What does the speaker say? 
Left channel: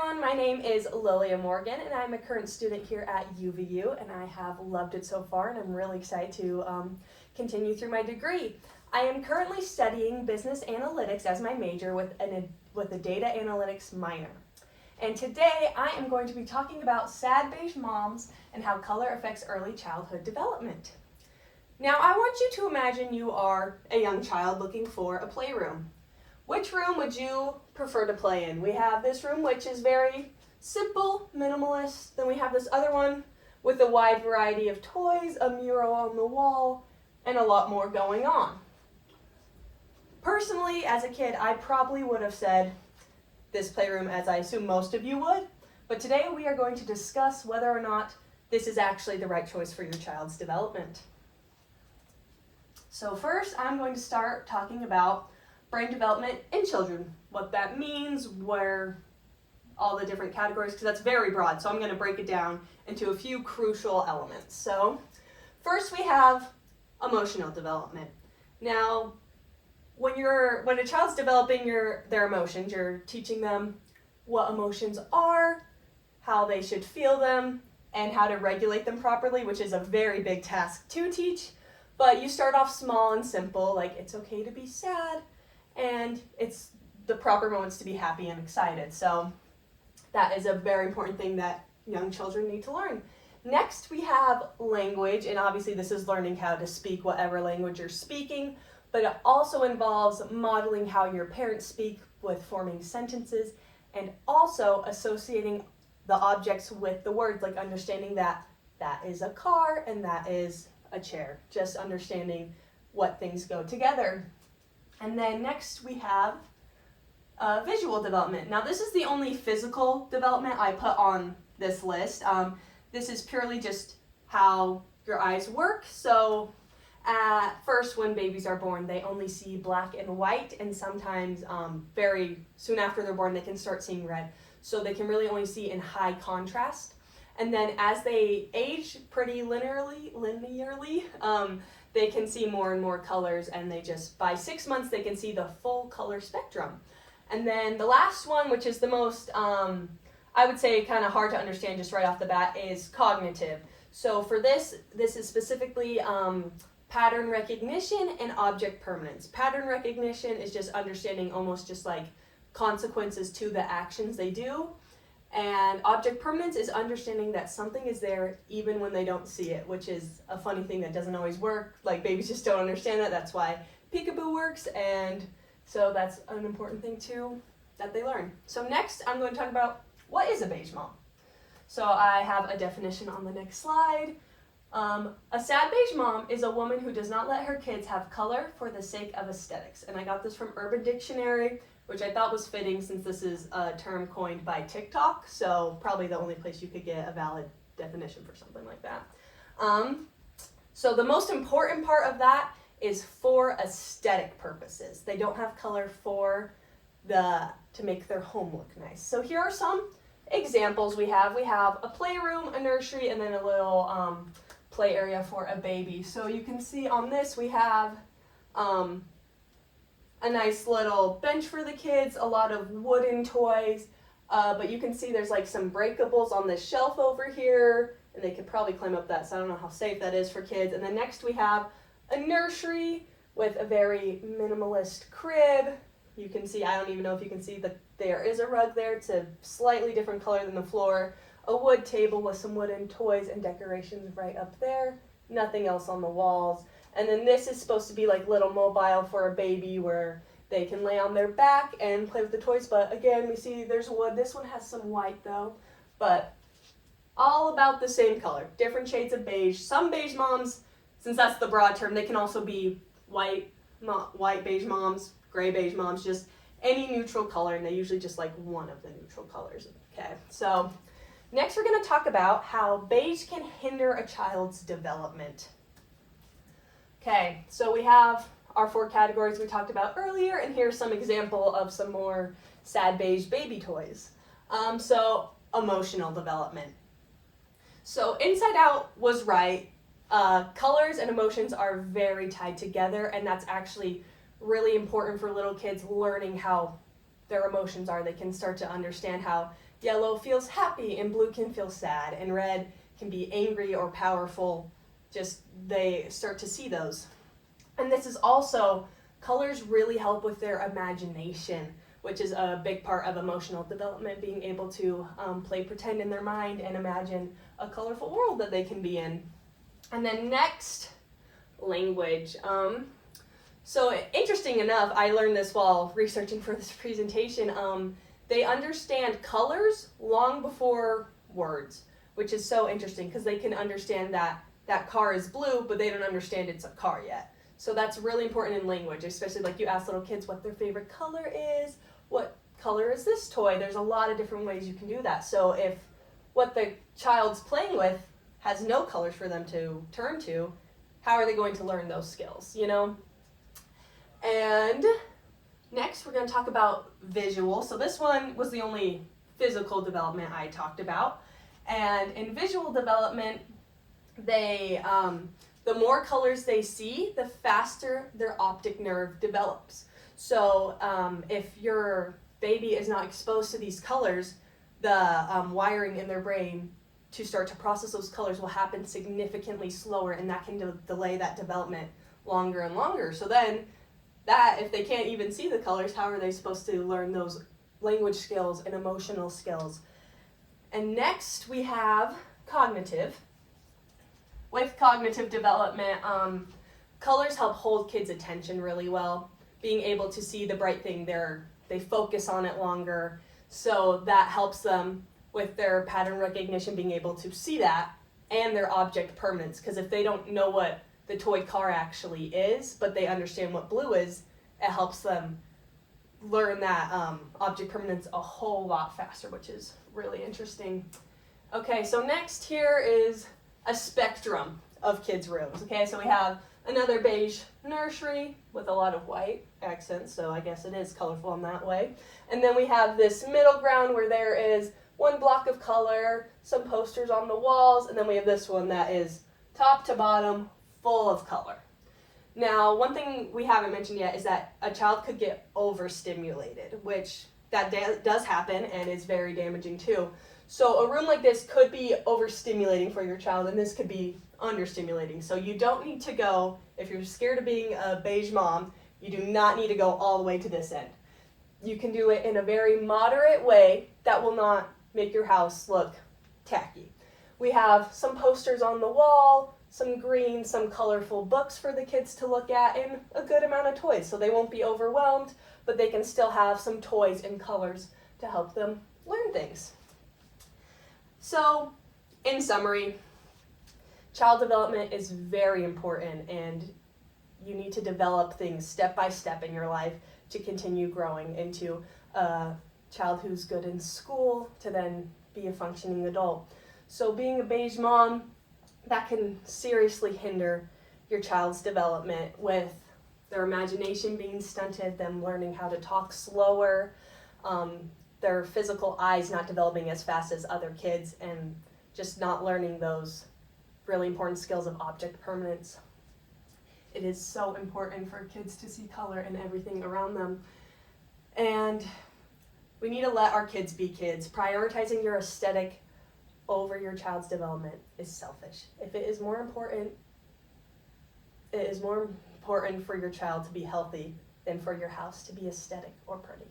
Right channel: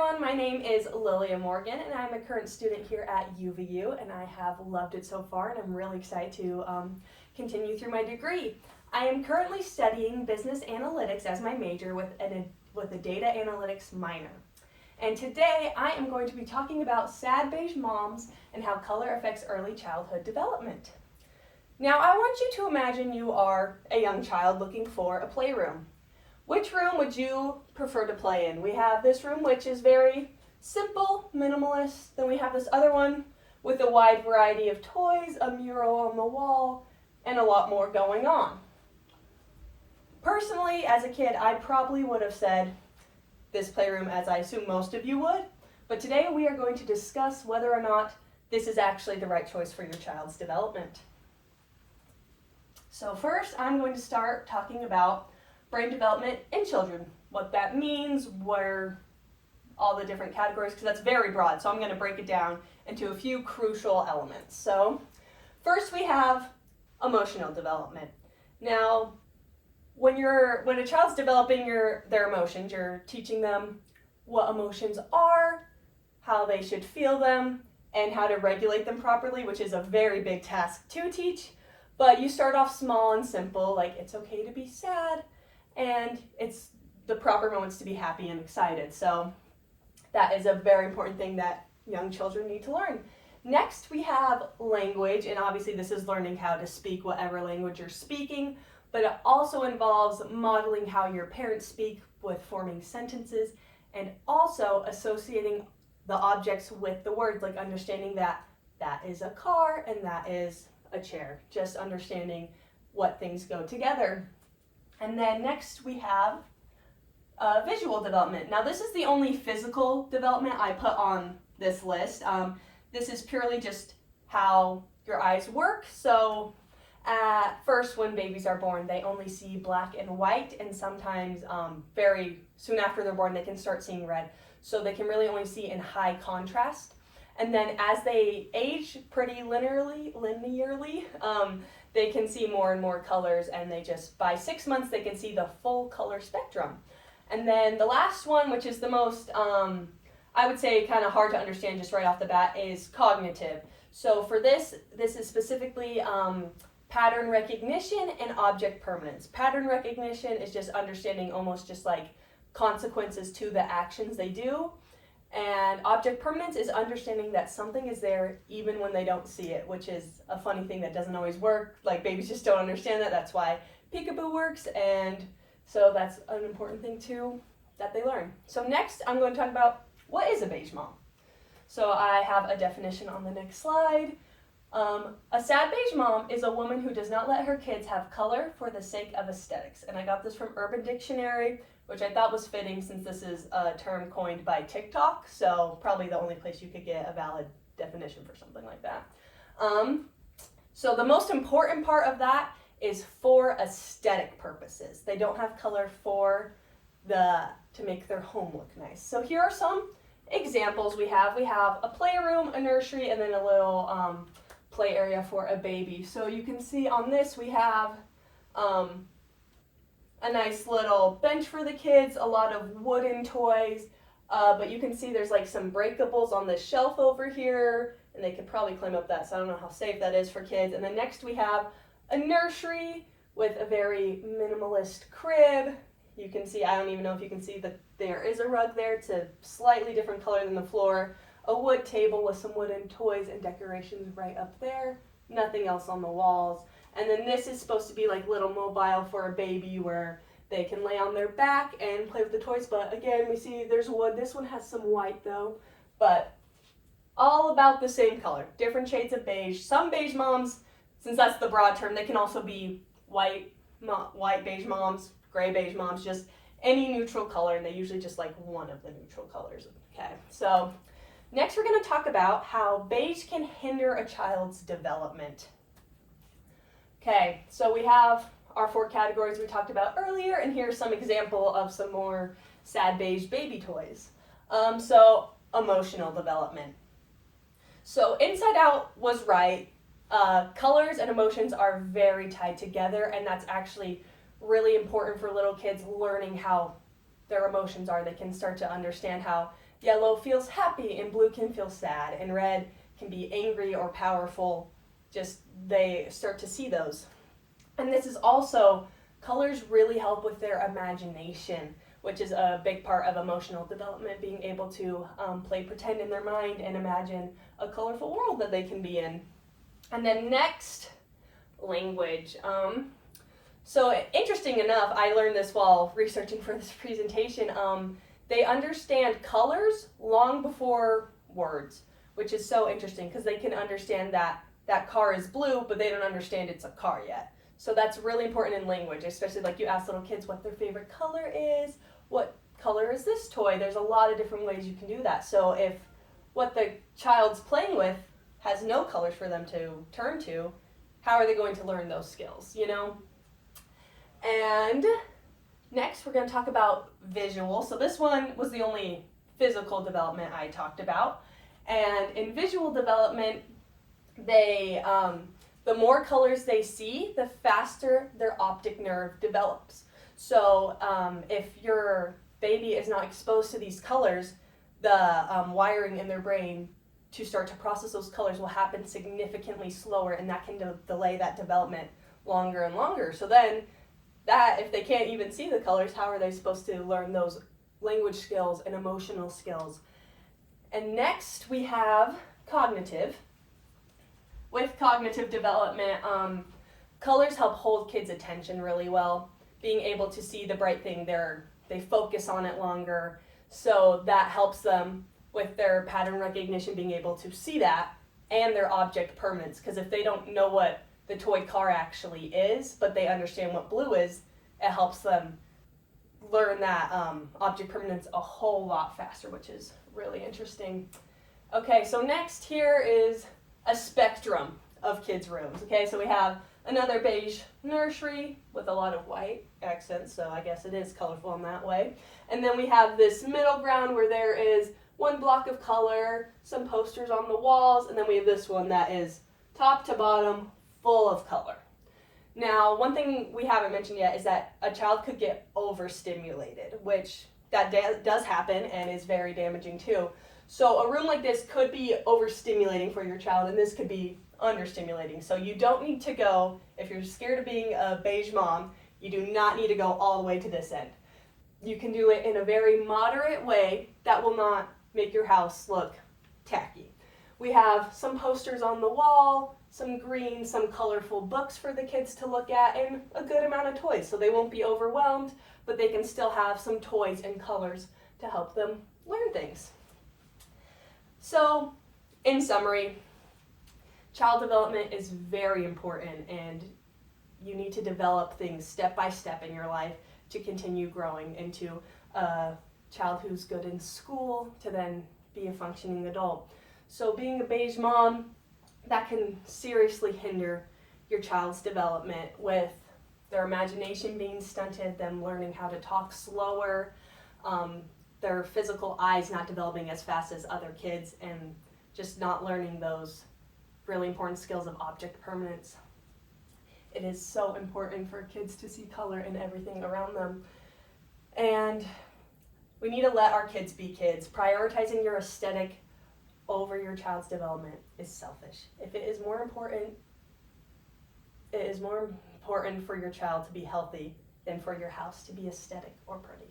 everyone, my name is Lilia Morgan and I'm a current student here at UVU and I have loved it so far and I'm really excited to continue through my degree. I am currently studying business analytics as my major with a data analytics minor. And today I am going to be talking about sad beige moms and how color affects early childhood development. Now I want you to imagine you are a young child looking for a playroom. Which room would you prefer to play in? We have this room which is very simple, minimalist. Then we have this other one with a wide variety of toys, a mural on the wall, and a lot more going on. Personally, as a kid, I probably would have said this playroom, as I assume most of you would. But today we are going to discuss whether or not this is actually the right choice for your child's development. So first, I'm going to start talking about brain development in children, what that means, where all the different categories, because that's very broad, so I'm going to break it down into a few crucial elements. So first we have emotional development. Now, when a child's developing their emotions, you're teaching them what emotions are, how they should feel them, and how to regulate them properly, which is a very big task to teach. But you start off small and simple, like it's okay to be sad, and it's the proper moments to be happy and excited. So that is a very important thing that young children need to learn. Next, we have language, and obviously this is learning how to speak whatever language you're speaking, but it also involves modeling how your parents speak with forming sentences, and also associating the objects with the words, like understanding that that is a car and that is a chair, just understanding what things go together. And then next we have visual development. Now this is the only physical development I put on this list. This is purely just how your eyes work. So at first when babies are born, they only see black and white, and sometimes very soon after they're born they can start seeing red. So they can really only see in high contrast. And then as they age pretty linearly, they can see more and more colors, and by 6 months, they can see the full color spectrum. And then the last one, which is the most, I would say kind of hard to understand just right off the bat, is cognitive. So for this is specifically pattern recognition and object permanence. Pattern recognition is just understanding almost just like consequences to the actions they do. And object permanence is understanding that something is there even when they don't see it, which is a funny thing that doesn't always work. Like babies just don't understand that. That's why peekaboo works, and so that's an important thing too that they learn. So next I'm going to talk about what is a beige mom. So I have a definition on the next slide. A sad beige mom is a woman who does not let her kids have color for the sake of aesthetics. And I got this from Urban Dictionary, which I thought was fitting since this is a term coined by TikTok, so probably the only place you could get a valid definition for something like that. So the most important part of that is for aesthetic purposes. They don't have color to make their home look nice. So here are some examples we have. We have a playroom, a nursery, and then a little play area for a baby. So you can see on this we have a nice little bench for the kids, a lot of wooden toys, but you can see there's like some breakables on this shelf over here, and they could probably climb up that, so I don't know how safe that is for kids. And then next we have a nursery with a very minimalist crib. You can see, I don't even know if you can see that there is a rug there. It's a slightly different color than the floor. A wood table with some wooden toys and decorations right up there. Nothing else on the walls. And then this is supposed to be like little mobile for a baby where they can lay on their back and play with the toys. But again, we see there's wood. This one has some white though, but all about the same color. Different shades of beige. Some beige moms, since that's the broad term, they can also be white beige moms, gray beige moms, just any neutral color, and they usually just like one of the neutral colors. Okay, so next we're going to talk about how beige can hinder a child's development. Okay, so we have our 4 categories we talked about earlier, and here's some example of some more sad beige baby toys. So emotional development. So Inside Out was right. Colors and emotions are very tied together, and that's actually really important for little kids learning how their emotions are. They can start to understand how yellow feels happy and blue can feel sad and red can be angry or powerful. Just they start to see those. And this is also, colors really help with their imagination, which is a big part of emotional development, being able to play pretend in their mind and imagine a colorful world that they can be in. And then next, language. So interesting enough, I learned this while researching for this presentation. They understand colors long before words, which is so interesting because they can understand that that car is blue, but they don't understand it's a car yet. So that's really important in language, especially like you ask little kids what their favorite color is, what color is this toy? There's a lot of different ways you can do that. So if what the child's playing with has no colors for them to turn to, how are they going to learn those skills, you know? And next we're going to talk about visual. So this one was the only physical development I talked about. And in visual development, they the more colors they see, the faster their optic nerve develops. So if your baby is not exposed to these colors, the wiring in their brain to start to process those colors will happen significantly slower, and that can delay that development longer and longer. So then that, if they can't even see the colors, how are they supposed to learn those language skills and emotional skills? And next we have cognitive. With cognitive development, colors help hold kids' attention really well. Being able to see the bright thing, they focus on it longer. So that helps them with their pattern recognition, being able to see that, and their object permanence. Because if they don't know what the toy car actually is, but they understand what blue is, it helps them learn that object permanence a whole lot faster, which is really interesting. Okay, so next here is a spectrum of kids' rooms. Okay, so we have another beige nursery with a lot of white accents, so I guess it is colorful in that way. And then we have this middle ground where there is one block of color, some posters on the walls, and then we have this one that is top to bottom full of color. Now, one thing we haven't mentioned yet is that a child could get overstimulated, which that does happen and is very damaging too. So a room like this could be overstimulating for your child, and this could be understimulating. So you don't need to go, if you're scared of being a beige mom, you do not need to go all the way to this end. You can do it in a very moderate way that will not make your house look tacky. We have some posters on the wall, some green, some colorful books for the kids to look at, and a good amount of toys. So they won't be overwhelmed, but they can still have some toys and colors to help them learn things. So, in summary, child development is very important, and you need to develop things step by step in your life to continue growing into a child who's good in school to then be a functioning adult. So being a beige mom, that can seriously hinder your child's development with their imagination being stunted, them learning how to talk slower, their physical eyes not developing as fast as other kids, and just not learning those really important skills of object permanence. It is so important for kids to see color in everything around them. And we need to let our kids be kids. Prioritizing your aesthetic over your child's development is selfish. If it is more important, it is more important for your child to be healthy than for your house to be aesthetic or pretty.